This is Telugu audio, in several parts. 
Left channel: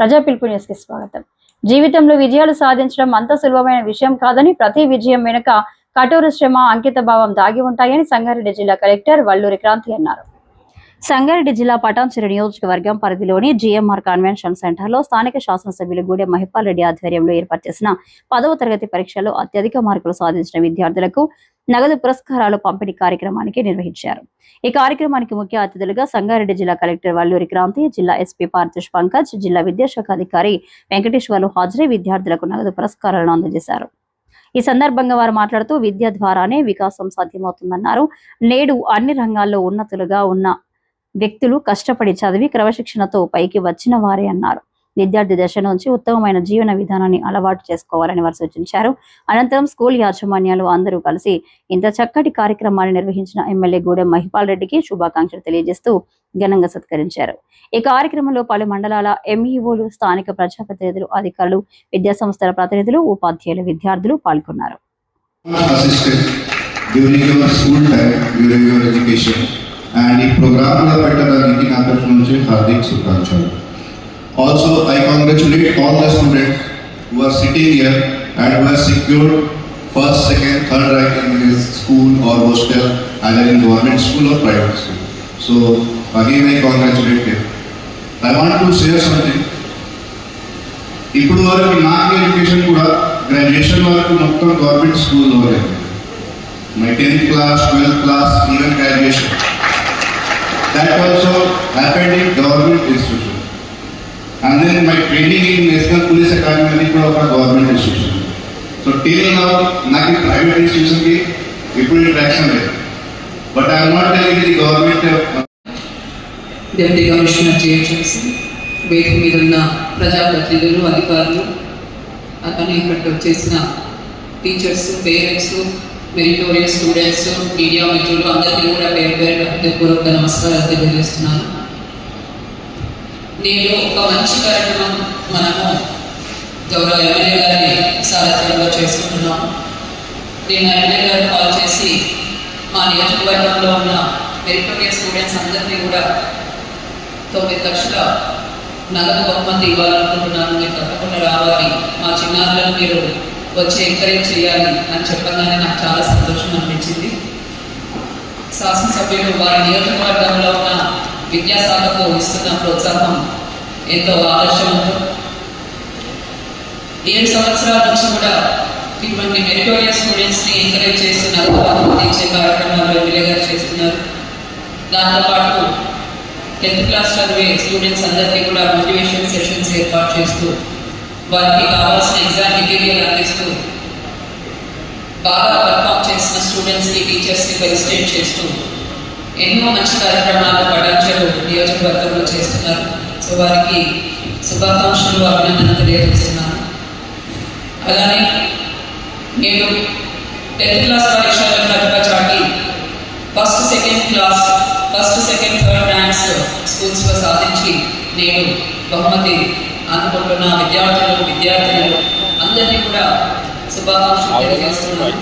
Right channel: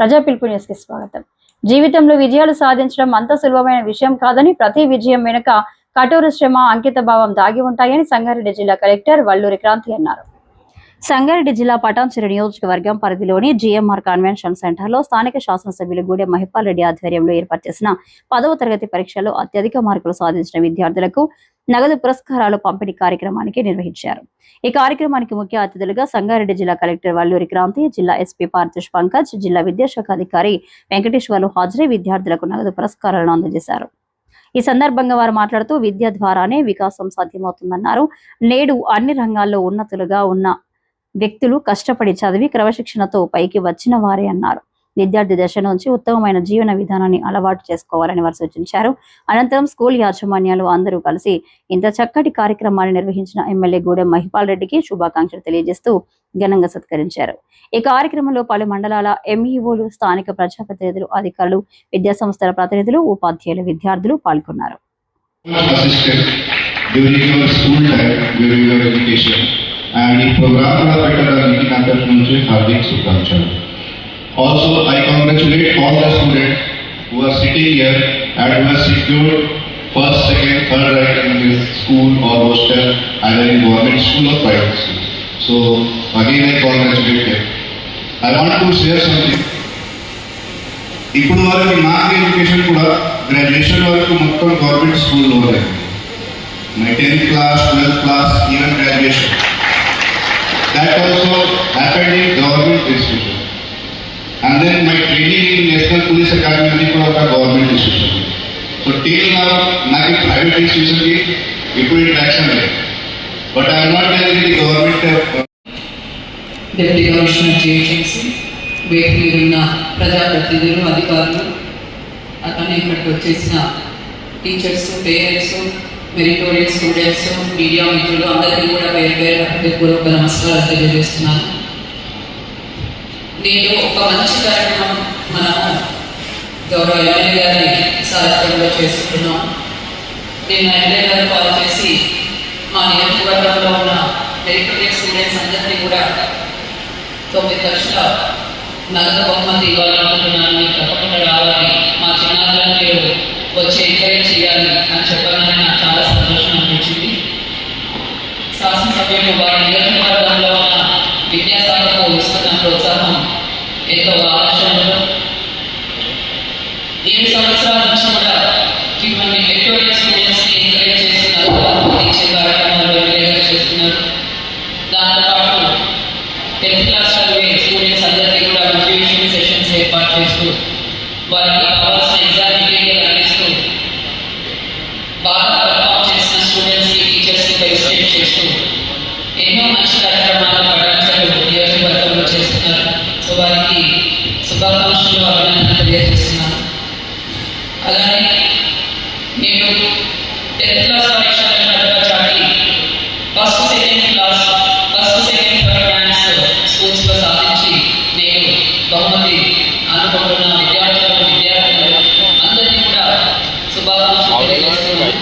ప్రజా పిలుపు న్యూస్ కి స్వాగతం. జీవితంలో విజయాలు సాధించడం అంత సులభమైన విషయం కాదని, ప్రతి విజయం వెనుక కఠోర శ్రమ, అంకిత భావం దాగి ఉంటాయని సంగారెడ్డి జిల్లా కలెక్టర్ వల్లూరి క్రాంతి అన్నారు. సంగారెడ్డి జిల్లా పటాన్చెరు నియోజకవర్గం పరిధిలోని జిఎంఆర్ కన్వెన్షన్ సెంటర్లో స్థానిక శాసనసభ్యులు గూడెం మహిపాల్ రెడ్డి ఆధ్వర్యంలో ఏర్పాటు చేసిన 10వ తరగతి పరీక్షలో అత్యధిక మార్కులు సాధించిన విద్యార్థులకు నగదు పురస్కారాలు పంపిణీ కార్యక్రమానికి నిర్వహించారు. ఈ కార్యక్రమానికి ముఖ్య అతిథులుగా సంగారెడ్డి జిల్లా కలెక్టర్ వల్లూరి క్రాంతి, జిల్లా ఎస్పీ పార్థిష్ పంకజ్, జిల్లా విద్యాశాఖ అధికారి వెంకటేశ్వర్లు హాజరై విద్యార్థులకు నగదు పురస్కారాలను అందజేశారు. ఈ సందర్భంగా వారు మాట్లాడుతూ విద్య ద్వారానే వికాసం సాధ్యమవుతుందన్నారు. నేడు అన్ని రంగాల్లో ఉన్నతులుగా ఉన్న వ్యక్తులు కష్టపడి చదివి క్రమశిక్షణతో పైకి వచ్చిన వారే అన్నారు. విద్యార్థి దశ నుంచి ఉత్తమమైన జీవన విధానాన్ని అలవాటు చేసుకోవాలని వారు సూచించారు. అనంతరం స్కూల్ యాజమాన్యాలు అందరూ కలిసి ఇంత చక్కటి కార్యక్రమాన్ని నిర్వహించిన ఎమ్మెల్యే గూడెం మహిపాల్ రెడ్డికి శుభాకాంక్షలు తెలియజేస్తూ ఘనంగా సత్కరించారు. ఈ కార్యక్రమంలో పలు మండలాల ఎంఈఓలు, స్థానిక ప్రజాప్రతినిధులు, అధికారులు, విద్యా సంస్థల ప్రతినిధులు, ఉపాధ్యాయులు, విద్యార్థులు పాల్గొన్నారు. And ఈ ప్రోగ్రామ్ పెట్టడానికి నా తరఫు నుంచి హార్దిక శుభాకాంక్షలు. Also, I congratulate all the students who are sitting here and who have secured first, second, third rank in this school or hostel, either in government school or private school. So again, I congratulate them. I want to share something. ఇప్పుడు వరకు నాకు ఎడ్యుకేషన్ కూడా గ్రాడ్యుయేషన్ వరకు మొత్తం గవర్నమెంట్ స్కూల్లో లేదు. My 10th class, 12th class, even graduation. That also happened in government institution. And then my training in National Police Academy was a government institution. So till now, నాకు private institution కి ఇప్పుడు interaction లేదు. But I am not telling the government. Deputy Commissioner GHMC, వేదిక మీద ఉన్న ప్రజాప్రతినిధులు, అధికారులు, అలానే ఇక్కడికి వచ్చేసిన teachers, parents, meritorious students, media మిత్రులు అందరికీ కూడా పేరు పేరు హృదయపూర్వక నమస్కారాలు తెలియజేస్తున్నాను. నేను ఒక మంచి కార్యక్రమం మనము గౌరవ ఎమ్మెల్యే గారి సారథ్యంలో చేసుకుంటున్నాము. నేను ఎమ్మెల్యే గారు కాల్ చేసి మా నియోజకవర్గంలో ఉన్న మెరిటోరియస్ స్టూడెంట్స్ అందరినీ కూడా 9 లక్షల నగదు బహుమతి ఇవ్వాలనుకుంటున్నాను. మీరు తప్పకుండా రావాలి, మా చిన్నారులను మీరు వచ్చి ఎంకరేజ్ చేయాలి అని చెప్పాలని నాకు చాలా సంతోషం అనిపించింది. శాసనసభ్యులు వారి నియోజకవర్గంలో ఉన్న విద్యాశాఖకు ఇస్తున్న ప్రోత్సాహం ఎంతో ఆదర్శంతో 7 సంవత్సరాల నుంచి కూడా మిమ్మల్ని మెరిటోరియస్ స్టూడెంట్స్ని ఎంకరేజ్ చేస్తున్నారు, ఇచ్చే కార్యక్రమాలు ఎమ్మెల్యే గారు చేస్తున్నారు. దాంతోపాటు 10th class చదివే స్టూడెంట్స్ అందరికీ కూడా మోటివేషన్ సెషన్స్ ఏర్పాటు చేస్తూ వారికి కావాల్సిన ఎగ్జామ్ మెటీరియల్ అందిస్తూ బాగా పర్ఫామ్ చేసిన స్టూడెంట్స్కి, టీచర్స్కి ఫెలిసిటేట్ చేస్తూ ఎన్నో మంచి కార్యక్రమాలు పటాన్చెరు నియోజకవర్గంలో చేస్తున్నారు. సో వారికి శుభాకాంక్షలు, అభినందనలు తెలియజేస్తున్నాను. అలానే నేను 10th class పరీక్షలను నడపచాటి ఫస్ట్, సెకండ్, థర్డ్ ర్యాంక్స్ స్కూల్స్లో సాధించి నేను బహుమతి అనుకుంటున్న విద్యార్థులు అందరినీ కూడా శుభాకాంక్షలు తెలియజేస్తున్నాను.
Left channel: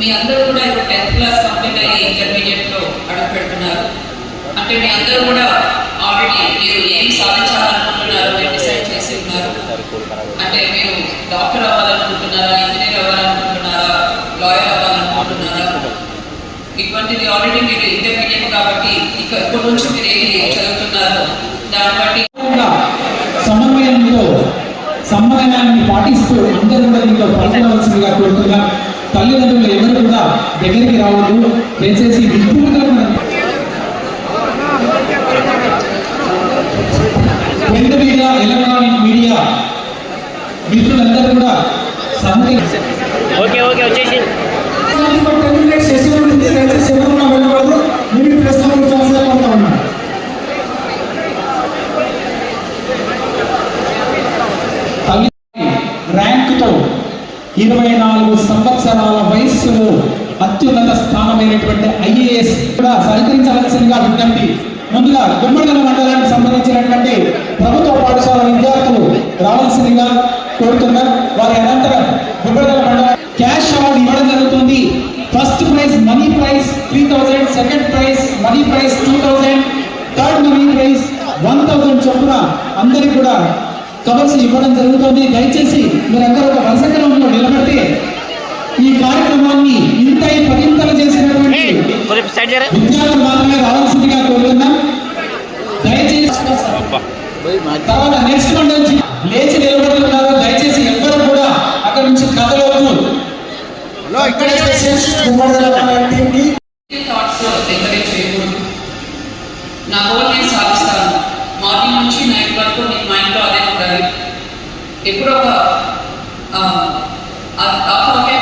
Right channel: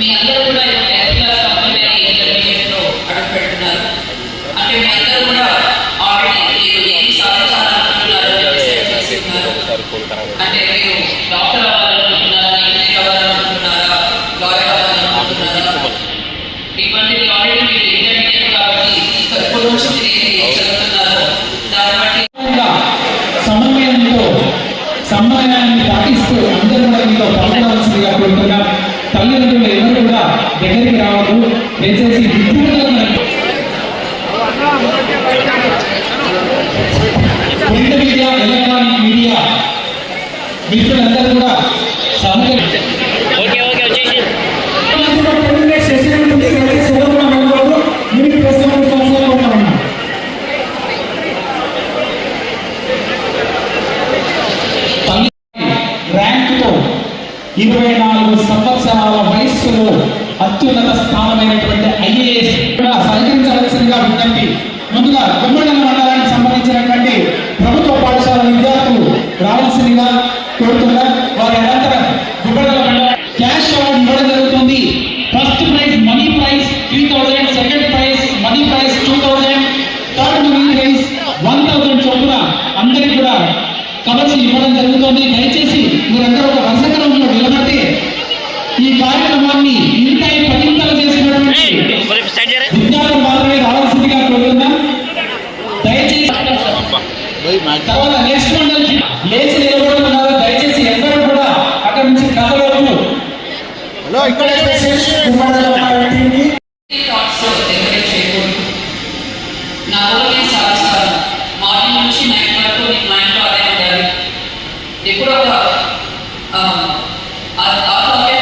మీ అందరూ కూడా 10th class కంప్లీట్ అయ్యి ఇంటర్మీడియట్లో అడుగు పెడుతున్నారు. అంటే మీ అందరూ కూడా ఆల్రెడీ మీరు ఏం సాధించాలనుకుంటున్నారు డిసైడ్ చేస్తున్నారు. అంటే మీరు డాక్టర్ అవ్వాలనుకుంటున్నారా, ఇంజనీర్ అవ్వాలనుకుంటున్నారా, లాయర్ అవ్వాలనుకుంటున్నారా, ఇటువంటిది ఆల్రెడీ మీరు ఇంటర్మీడియట్ కాబట్టి ఇక్కడ నుంచి మీరు ఏది చదువుతున్నారు దాన్ని బట్టి సమన్వయాన్ని పాటిస్తూ అందరూ కూడా మీతో పాల్గొనవలసిందిగా కోరుతున్నా. తల్లిదండ్రులు ఎవరు కూడా దగ్గరికి రావద్దు, దయచేసి ప్రింట్ మీడియా, ఎలక్ట్రానిక్ మీడియా మిత్రులందరూ కూడా ర్యాంకుతో 24 సంవత్సరాల వయస్సులో అత్యున్నత స్థానమైనటువంటి IAS కూడా సహకరించవలసిందిగా విజ్ఞప్తి. ముందుగా గుమ్మడి మండలానికి సంబంధించినటువంటి ప్రభుత్వ పాఠశాల విద్యార్థులు రావాల్సిందిగా కోరుతున్నారు. వారి అనంతరం గుమ్మడి మండలం క్యాష్ అవార్డు ఇవ్వడం జరుగుతుంది. First prize money prize 3000, second prize money prize 2000, third విద్యార్థులు మాత్రమే రావాల్సిందిగా కోరుతున్నాం. దయచేసి తర్వాత నెక్స్ట్ వన్ నుంచి లేచి నిలబడుతున్నారు. దయచేసి ఎవ్వరు కూడా అక్కడ నుంచి కదలవద్దు. ఎంకరేజ్ చేయకూడదు. నా కూడా నేను సాధిస్తాను. మార్నింగ్ నుంచి నైట్ వరకు నేను మైండ్లో అదే ఉండాలి. ఎప్పుడో ఒక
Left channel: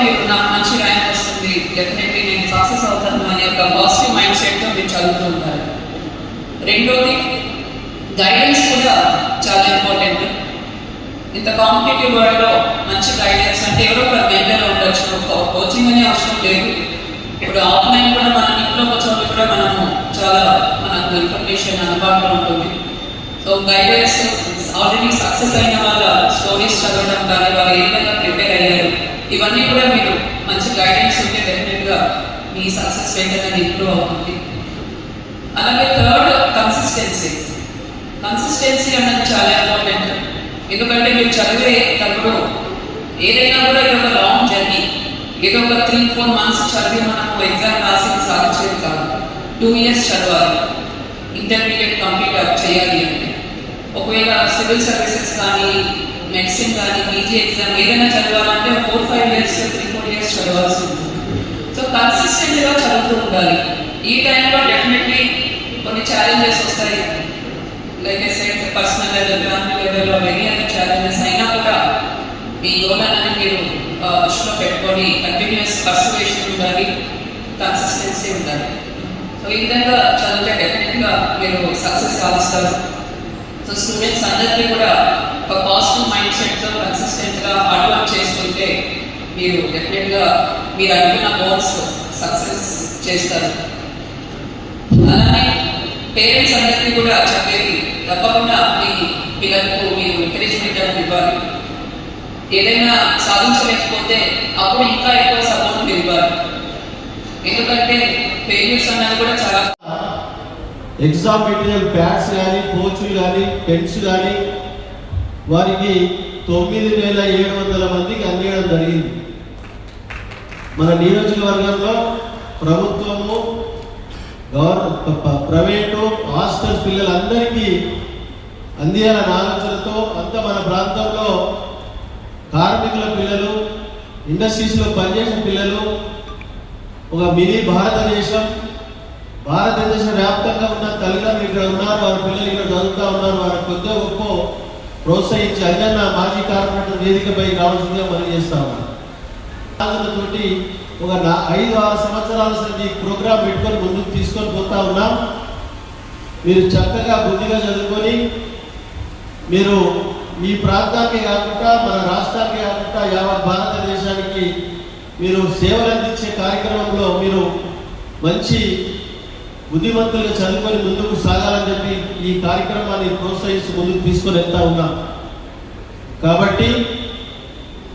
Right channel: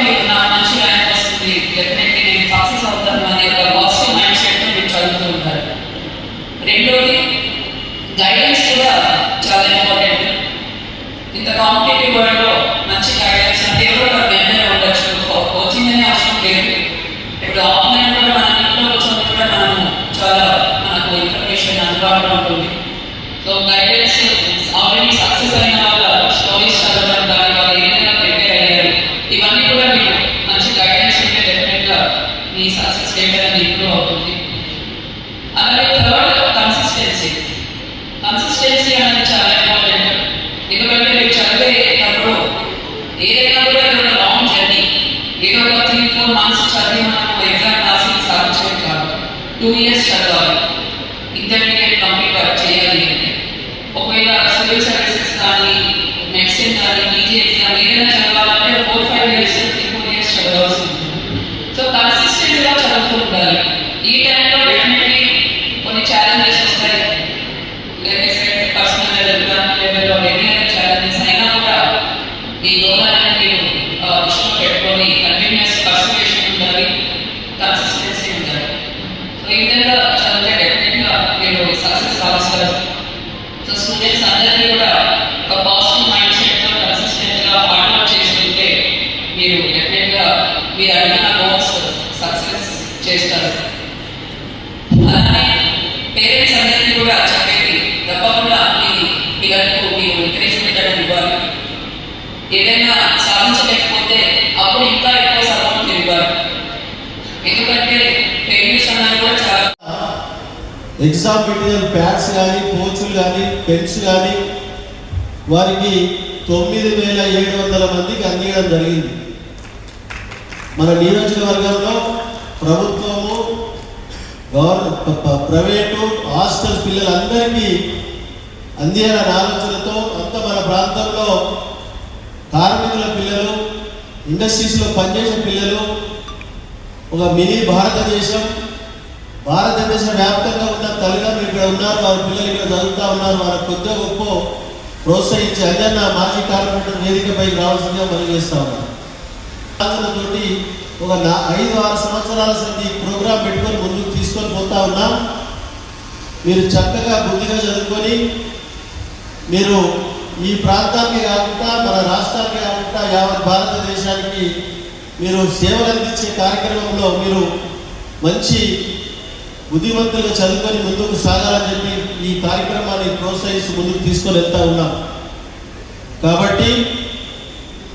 మీకు నాకు మంచి ర్యాంక్ వస్తుంది, డెఫినెట్లీ నేను సక్సెస్ అవుతాను అనే ఒక పాజిటివ్ మైండ్ సెట్తో మీరు చదువుతూ ఉంటారు. రెండోది గైడెన్స్ కూడా చాలా ఇంపార్టెంట్. ఇంత కాంపిటేటివ్ వరల్డ్లో మంచి గైడెన్స్ అంటే ఎవరో ఒక మెంటర్ ఉండొచ్చు, కోచింగ్ అనే అవసరం లేదు. ఇప్పుడు ఆఫ్లైన్ కూడా మనం ఇంట్లో కూర్చొని కూడా మనము చాలా మనకు ఇన్ఫర్మేషన్ అందుబాటులో ఉంటుంది. సో గైడెన్స్ ఆల్రెడీ సక్సెస్ అయిన వాళ్ళ స్టోరీస్ చదవడం కానీ వాళ్ళు ఏమైనా ప్రిపేర్ అయ్యారు, ఇవన్నీ కూడా మీరు మంచి గైడెన్స్ ఉంటే డెఫినెట్గా మీ సక్సెస్ రేట్ అనేది ఇంప్రూవ్ అవుతుంది. అలాగే థర్డ్ కన్సిస్టెన్సీ అనేది చాలా ఇంపార్టెంట్. ఎందుకంటే మీరు చదివేటప్పుడు ఏదైనా కూడా ఇది ఒక లాంగ్ జర్నీ. ఏదో ఒక 3-4 months చదివి మనకు ఎగ్జామ్ రాసి సాధించేది కాదు. 2 years చదవాలి, ఇంటర్మీడియట్ కంప్లీట్ చేయాలి. ఒకవేళ సివిల్ సర్వీసెస్ కానీ మెడిసిన్ కానీ పీజీ ఎగ్జామ్ ఏదైనా చదవాలంటే 4-5 years 3-4 years చదవాల్సి ఉంటుంది. సో కన్సిస్టెంట్గా చదువుతూ ఉండాలి. ఈ టైంలో డెఫినెట్లీ కొన్ని ఛాలెంజెస్ వస్తాయి. పర్సనల్ లెవెల్లో ఎన్ని అనే ఛాలెంజెస్ అయినా కూడా ఈ గోళాన్ని మీరు దృష్టిలో పెట్టుకొని కంటిన్యూస్ పర్సివేషన్ ఉండాలి, కన్సిస్టెన్సీ ఉండాలి. సో ఈ విధంగా చదివితే డెఫినెట్గా మీరు సక్సెస్ కావస్తారు. సో స్టూడెంట్స్ అందరికీ కూడా ఒక పాజిటివ్ మైండ్ సెట్తో కన్సిస్టెంట్గా హార్డ్ వర్క్ చేస్తుంటే మీరు డెఫినెట్గా మీరు అనుకున్న గోల్స్ సక్సెస్ చేస్తారు. అలానే పేరెంట్స్ అందరికీ కూడా చెప్పేది తప్పకుండా మీ పిల్లలకు మీరు ఎంకరేజ్మెంట్ అనేది ఇవ్వాలి. ఏదైనా సాధించలేకపోతే అప్పుడు ఇంకా ఎక్కువ సపోర్ట్ ఇవ్వాలి. ఎందుకంటే పేరెంట్స్ అనేది కూడా చాలా ఎగ్జామ్ మెటీరియల్ ప్యాడ్స్ కానీ కోచ్లు కానీ పెన్స్ కానీ వారికి 9,700 మందికి అందించడం జరిగింది. మన నియోజకవర్గంలో ప్రభుత్వము ప్రైవేటు హాస్టల్ పిల్లలందరికీ అందించాలన్న ఆలోచనతో అంత మన ప్రాంతంలో కార్మికుల పిల్లలు, ఇండస్ట్రీస్లో పనిచేసిన పిల్లలు, ఒక మినీ భారతదేశం వ్యాప్తంగా ఉన్న తల్లిదండ్రులు ఇక్కడ ఉన్నారు, వారి పిల్లలు ఇక్కడ చదువుతూ ఉన్నారు. వారి కొద్దిగా గొప్ప ప్రోత్సహించి అదన్న మాజీ కార్పొరేటర్ వేదికపై రావాల్సిందిగా మనం చేస్తా ఉన్నారు. ఆలోచనతోటి ఒక 5-6 సంవత్సరాల సంది ప్రోగ్రాం పెట్టుకొని ముందుకు తీసుకొని పోతా ఉన్నాం. మీరు చక్కగా బుద్ధిగా చదువుకొని మీరు ఈ ప్రాంతానికి కాకుండా మన రాష్ట్రానికి కాకుండా యావత్ భారతదేశానికి మీరు సేవలు అందించే కార్యక్రమంలో మీరు మంచి బుద్ధిమంతులుగా చదువుకొని ముందుకు సాగాలని చెప్పి ఈ కార్యక్రమాన్ని ప్రోత్సహిస్తూ ముందుకు తీసుకొని వెళ్తా ఉన్నాం. కాబట్టి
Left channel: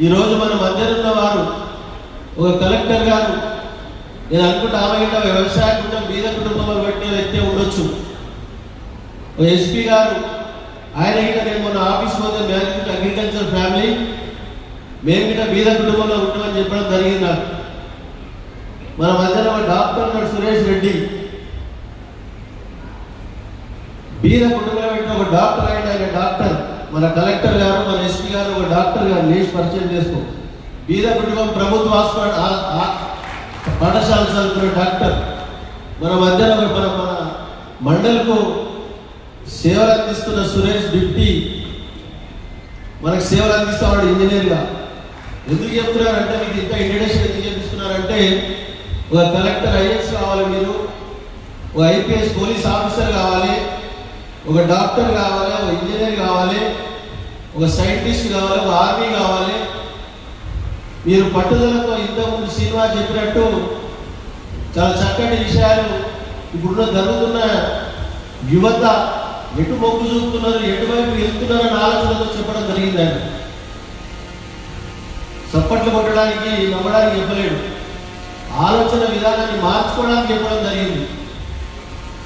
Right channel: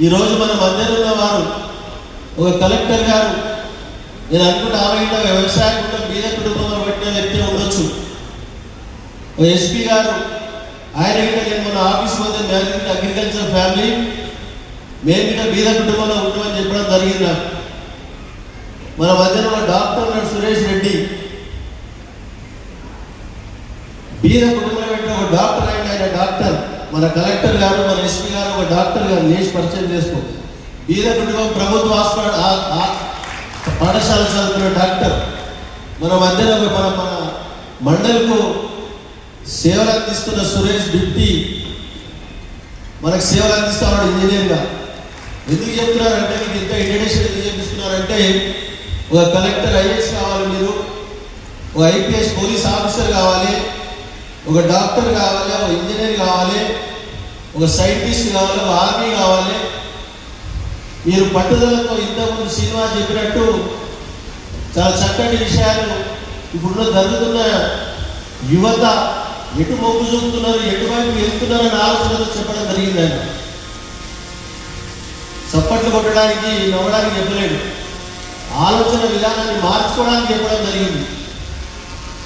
ఈరోజు మనం అందరున్న వారు ఒక కలెక్టర్ గారు, నేను అనుకుంటే ఆమె వ్యవసాయ కుటుంబం మీద కుటుంబంలో పెట్టిన వ్యక్తి ఉండొచ్చు. ఒక ఎస్పీ గారు, ఆయన నేను మన ఆఫీస్ పోతే మ్యాథమెటిక్ అగ్రికల్చర్ ఫ్యామిలీ మేము ఇక్కడ బీద కుటుంబంలో ఉంటామని చెప్పడం జరిగింది. నాకు మన మధ్యలో ఒక డాక్టర్ ఉన్నాడు సురేష్ రెడ్డి, బీద కుటుంబంలో పెట్టిన ఒక డాక్టర్ ఆయన డాక్టర్. మన కలెక్టర్ గారు, మన ఎస్పీ గారు ఒక డాక్టర్ గారు లేచి పరిచయం చేసుకో. బీద కుటుంబం ప్రభుత్వ పాఠశాల చదువుకున్న డాక్టర్. మన మధ్యలో మన మండలకు సేవలు అందిస్తున్న సురేష్ డిప్టీ మనకు సేవలు అందిస్తున్నాడు ఇంజనీర్గా. ఎందుకు చెప్తున్నారంటే మీకు ఇంత ఇంట్రడక్షన్ ఎందుకు చెప్తున్నారంటే ఒక కలెక్టర్ ఐఏఎస్ కావాలి, మీరు ఒక ఐపీఎస్ పోలీస్ ఆఫీసర్ కావాలి, ఒక డాక్టర్ కావాలి, ఒక ఇంజనీర్ కావాలి, ఒక సైంటిస్ట్ కావాలి, ఒక ఆర్మీ కావాలి. మీరు పట్టుదలతో ఇంతకుముందు సినిమా చెప్పినట్టు చాలా చక్కటి విషయాలు ఇప్పుడు జరుగుతున్న యువత ఎటు మొగ్గు చూపుతున్నారు, ఎటువైపు వెళ్తున్నారని ఆలోచనతో చెప్పడం జరిగింది. ఆయన చప్పట్లు కొట్టడానికి నవ్వడానికి చెప్పలేదు, ఆలోచన విధానాన్ని మార్చుకోవడానికి చెప్పడం జరిగింది.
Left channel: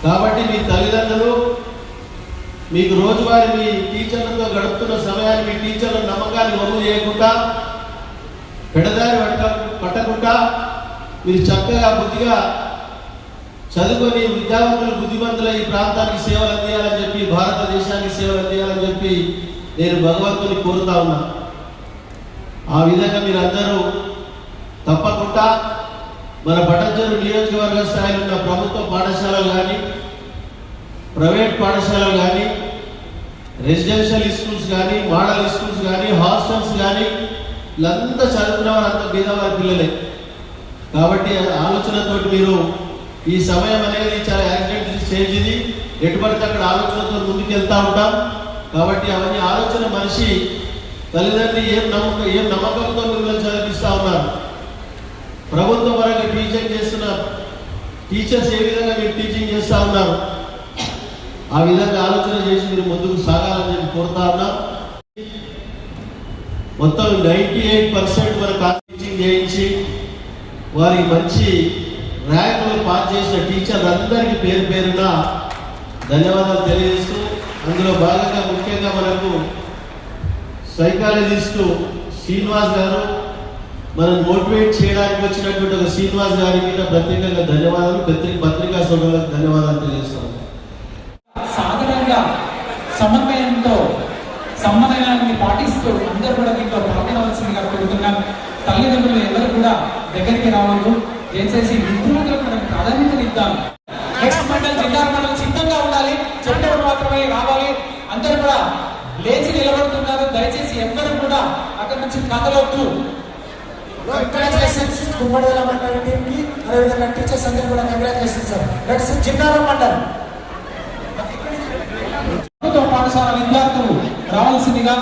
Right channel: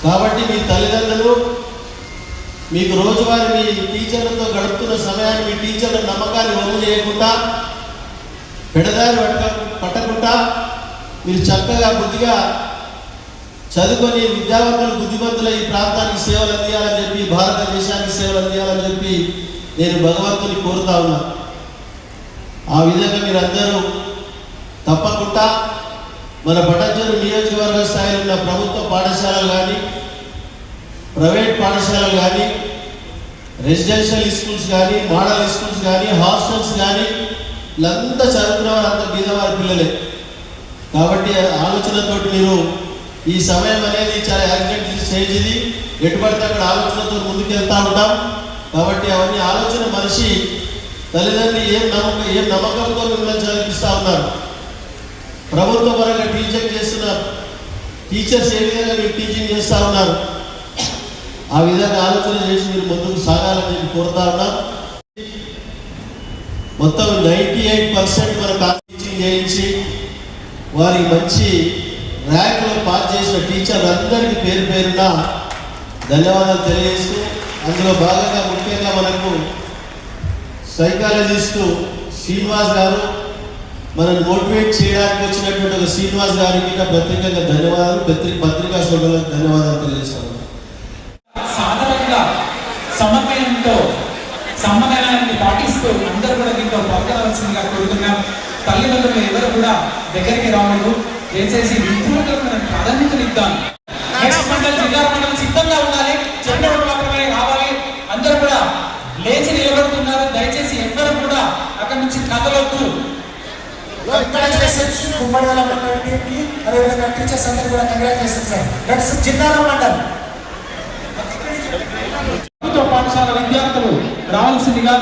కాబట్టి మీ తల్లిదండ్రులు మీకు రోజువారీ మీ టీచర్లతో గడుపుతున్న సమయాన్ని మీ టీచర్ల నమ్మకాన్ని వమ్ము చేయకుండా పెడదారి పట్టకుండా మీరు చక్కగా బుద్ధిగా చదువుకొని విద్యావంతులు బుద్ధిమంతులు ఈ ప్రాంతానికి సేవలు అందియాలని చెప్పి, భారతదేశానికి సేవలు అందియాలని చెప్పి నేను భగవంతుని కోరుతా ఉన్నా. ఆ విధంగా మీరందరూ తప్పకుండా మన పటంచెరు నియోజకవర్గ స్థాయిలో ఉన్న ప్రభుత్వ పాఠశాలలు కానీ, ప్రైవేట్ పాఠశాలలు కానీ, రెసిడెన్షియల్ స్కూల్స్ కానీ, మోడల్ స్కూల్స్ కానీ, హాస్టల్స్ కానీ వీళ్ళంతా చదువుకున్న వారంతా బీదవారి పిల్లలే. కాబట్టి ఆలోచనతో మీరు ఈ సమయం అనేది చాలా యాక్సిడెంట్ స్టేజ్, ఇది ఎటువంటి అక్కడ ఆలోచనతో ముందుకు వెళ్తూ ఉంటాం. కాబట్టి అవన్నీ ఆలోచన మనిషి తల్లిదండ్రులు ఏం నమ్మకంతో మిమ్మల్ని చదివిస్తూ ఉన్నారు, ప్రభుత్వం వరకు టీచింగ్ చేస్తున్న టీచర్స్ ఏ విధంగా మీరు టీచింగ్ చేస్తూ ఉన్నారు, ఆ విధంగా ఆలోచన చేసి మీరు ముందుకు సాగాలని చెప్పి కోరుతా ఉన్నాం. మొత్తం 98% వరకు టీచింగ్ చేయించి వారికి మంచి ర్యాంకులో పాస్ చేసిన టీచర్లు అందరికీ పేరు పేరున ధన్యవాదాలు తెలియజేస్తూ, అందులో భాగంగా ముఖ్యంగా మనకు సైకాలజిస్టు శ్రీనివాస్ గారు మనం మోటివేట్ చేయడానికి వచ్చినటువంటి ఒక శ్రీనివాస్ గారికి ప్రత్యేకంగా ధన్యవాదాలు, పత్రికా సోదరులకు ధన్యవాదాలు తెలియజేస్తాను. సాధారణంగా సమన్వయంతో సమన్వయాన్ని పాటిస్తూ అందరూ కూడా దీంట్లో పాల్గొనవలసిందిగా కోరుతున్నాం. తల్లిదండ్రులు ఎవరు కూడా దగ్గరికి రావద్దు, దయచేసి విద్యార్థులకు మనం ప్రాధాన్యతనిద్దాం. నెక్స్ట్ మండల్ జిల్లా మండలం సిద్ధంగా ఉండాలి, చెప్పినప్పుడు మాత్రమే రావాలి. అందరూ కూడా లేచి నిలబడుతున్నారు, దయచేసి ఎవరు కూడా అక్కడి నుంచి కదలొద్దు. కంగ్రాచులేషన్స్ కుమ్మడోల మండలం టీంకి, అదేవిధంగా టీచర్స్ అందరూ కూడా కంగ్రాచులేషన్స్ సార్. నెక్స్ట్ జిల్లా మండలం పాఠశాల విద్యార్థులు రావాల్సిందిగా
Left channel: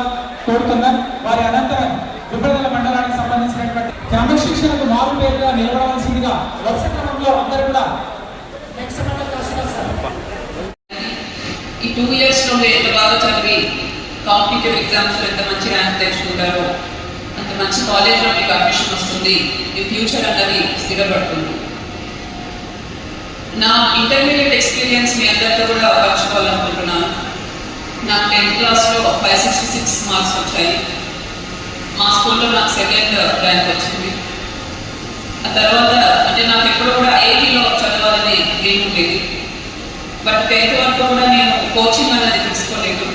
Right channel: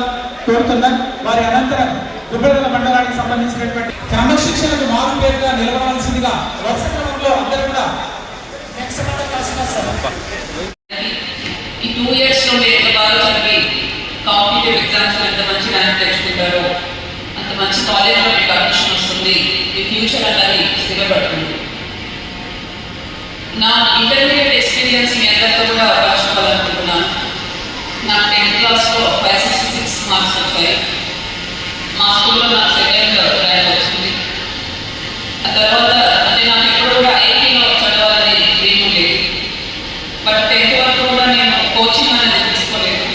కోరుతున్నాం. వారి అనంతరం గుబ్బడల మండలానికి సంబంధించినటువంటి క్రమశిక్షణకు మారు పేరుగా నిలబడాల్సిందిగా వరుస క్రమంలో అందరూ కూడా నెక్స్ట్ మండలం రాస్తున్నారు సార్. ఈ 2 years లో మీరు ఎంత బాగా చదివి కాంపిటేటివ్ ఎగ్జామ్స్ ఎంత మంచి ర్యాంక్ తెచ్చుకుంటారో, అంత మంచి కాలేజ్లో మీకు అడ్మిషన్ వస్తుంది, మీ ఫ్యూచర్ అన్నది స్థిరపడుతుంది. నా ఇంటర్మీడియట్ ఎక్స్పీరియన్స్ మీ అందరితో కూడా పంచుకోవాలనుకుంటున్నాను. నాకు 10th క్లాస్లో 566 మార్క్స్ వచ్చాయి. మా స్కూల్లో నాకు 2nd ర్యాంక్ వచ్చింది. ఆ తర్వాత అంటే నాకు ఎప్పుడు కూడా ఐఐటీలో చదవాలని డ్రీమ్ ఉండేది, బట్ 10th వరకు కూడా నేను కోచింగ్ అనేది తీసుకోలేదు.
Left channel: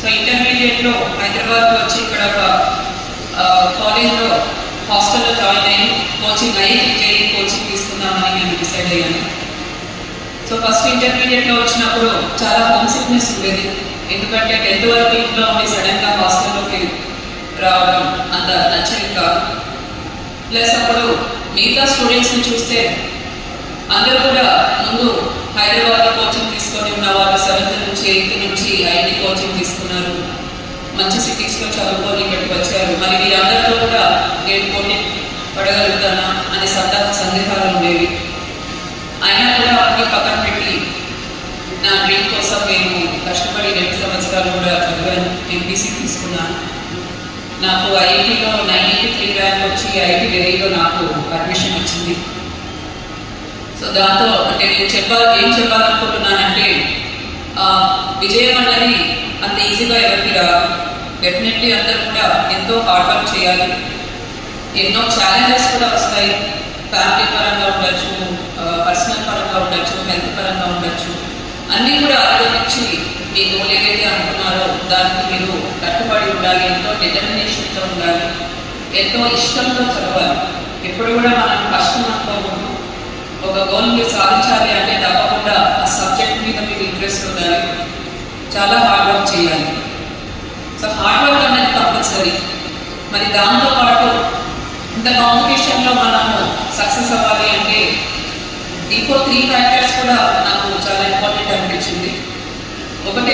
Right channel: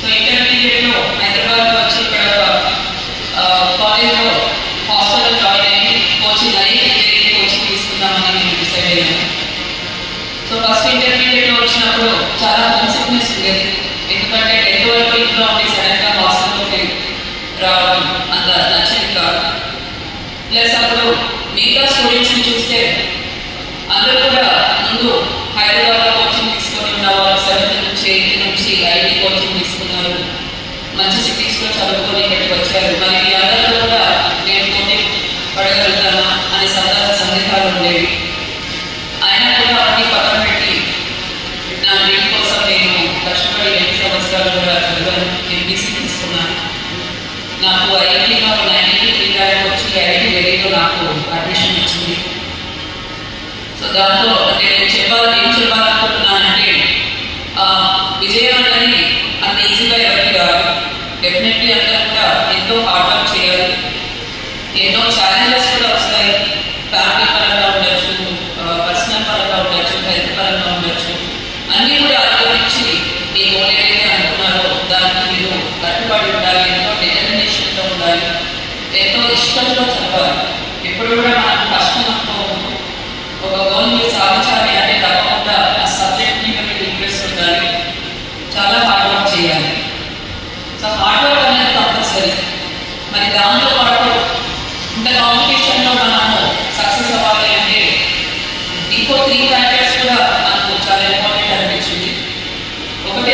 సో ఇంటర్మీడియట్లో హైదరాబాద్ వచ్చి ఇక్కడ కాలేజ్లో హాస్టల్లో జాయిన్ అయ్యి కోచింగ్ కోచింగ్ తీసుకుందామని నేను డిసైడ్ అయ్యాను. సో ఫస్ట్ ఇంటర్మీడియట్లో వచ్చినప్పుడు చాలా హోమ్ సిక్నెస్ ఉండేది, ఎందుకంటే 10th వరకు ఇంట్లో ఉండి సడన్గా హాస్టల్లోకి రావడం అంత నచ్చేది కాదు. ప్లస్ అప్పుడు మిగతా స్టూడెంట్స్ని చూస్తే అందరూ కూడా ముందు హైదరాబాద్లో కోచింగ్ తీసుకొని ఉన్న వాళ్ళు 7th నుంచి 8th నుంచి ఐటీ కోచింగ్ తీసుకున్నారు, మంచి సిటీస్లో చదువుకొని ఇక్కడికి వచ్చారు. మరి వీరందరితో కూడా నేను పోటీ పడగలుగుతాను అనే సందేహాలు ఉండేవి. అయినా కూడా అన్ని పక్కన పెట్టి నా డ్రీమ్ కోసం నేను కష్టపడి 2 సంవత్సరాలు కూడా చదివాను. ఎంపీసీ తీసుకున్నాను. నాకు ఐఐటీలో 93 ర్యాంక్ వచ్చి ఐఐటీ ఢిల్లీలో నాకు అడ్మిషన్ వచ్చింది. సో దాంతో అంటే నేను ఏం చెప్పాలనుకుంటున్నానంటే, విజయం అనేది అంత ఈజీగా ఎవరికి రాదు. డెఫినెట్లీ అందరూ కూడా ఎంతో హార్డ్ వర్క్ చేయాలి. ఎన్నో ఛాలెంజెస్ కూడా వస్తాయి, ఫ్యామిలీ పరంగా ఉండొచ్చు, పర్సనల్ పరంగా ఉండొచ్చు, హెల్త్ పరంగా ఉండొచ్చు. అన్నీ కూడా ఆలోచించి మీ గోల్ ఏదైతే అనుకున్నారో దానికి మీరు కట్టుబడి ఉండాలి, ఎంతో డిటర్మినేషన్తో ఉండాలి, ఎంతో ఇష్టంతో చదవాలి. ఎప్పుడు కూడా మనం కష్టం అనుకోకుండా ఒక గోల్ మీరు సాధించాలి అంటే తప్పకుండా ఆ సబ్జెక్ట్ మీద మీరు ఇంట్రెస్ట్ ఉండాలి, చాలా హార్డ్ వర్క్ చేయాలి. సో హార్డ్ వర్క్ అనేది కంపల్సరీ. మరి దాంతో పాటు ఇంత కాంపిటీషన్లో మనము సక్సెస్ అవ్వాలి అంటే ఇంకో 3 ఫ్యాక్టర్స్ కూడా నాకు చాలా ఇంపార్టెంట్ అనిపించింది. ఒకటి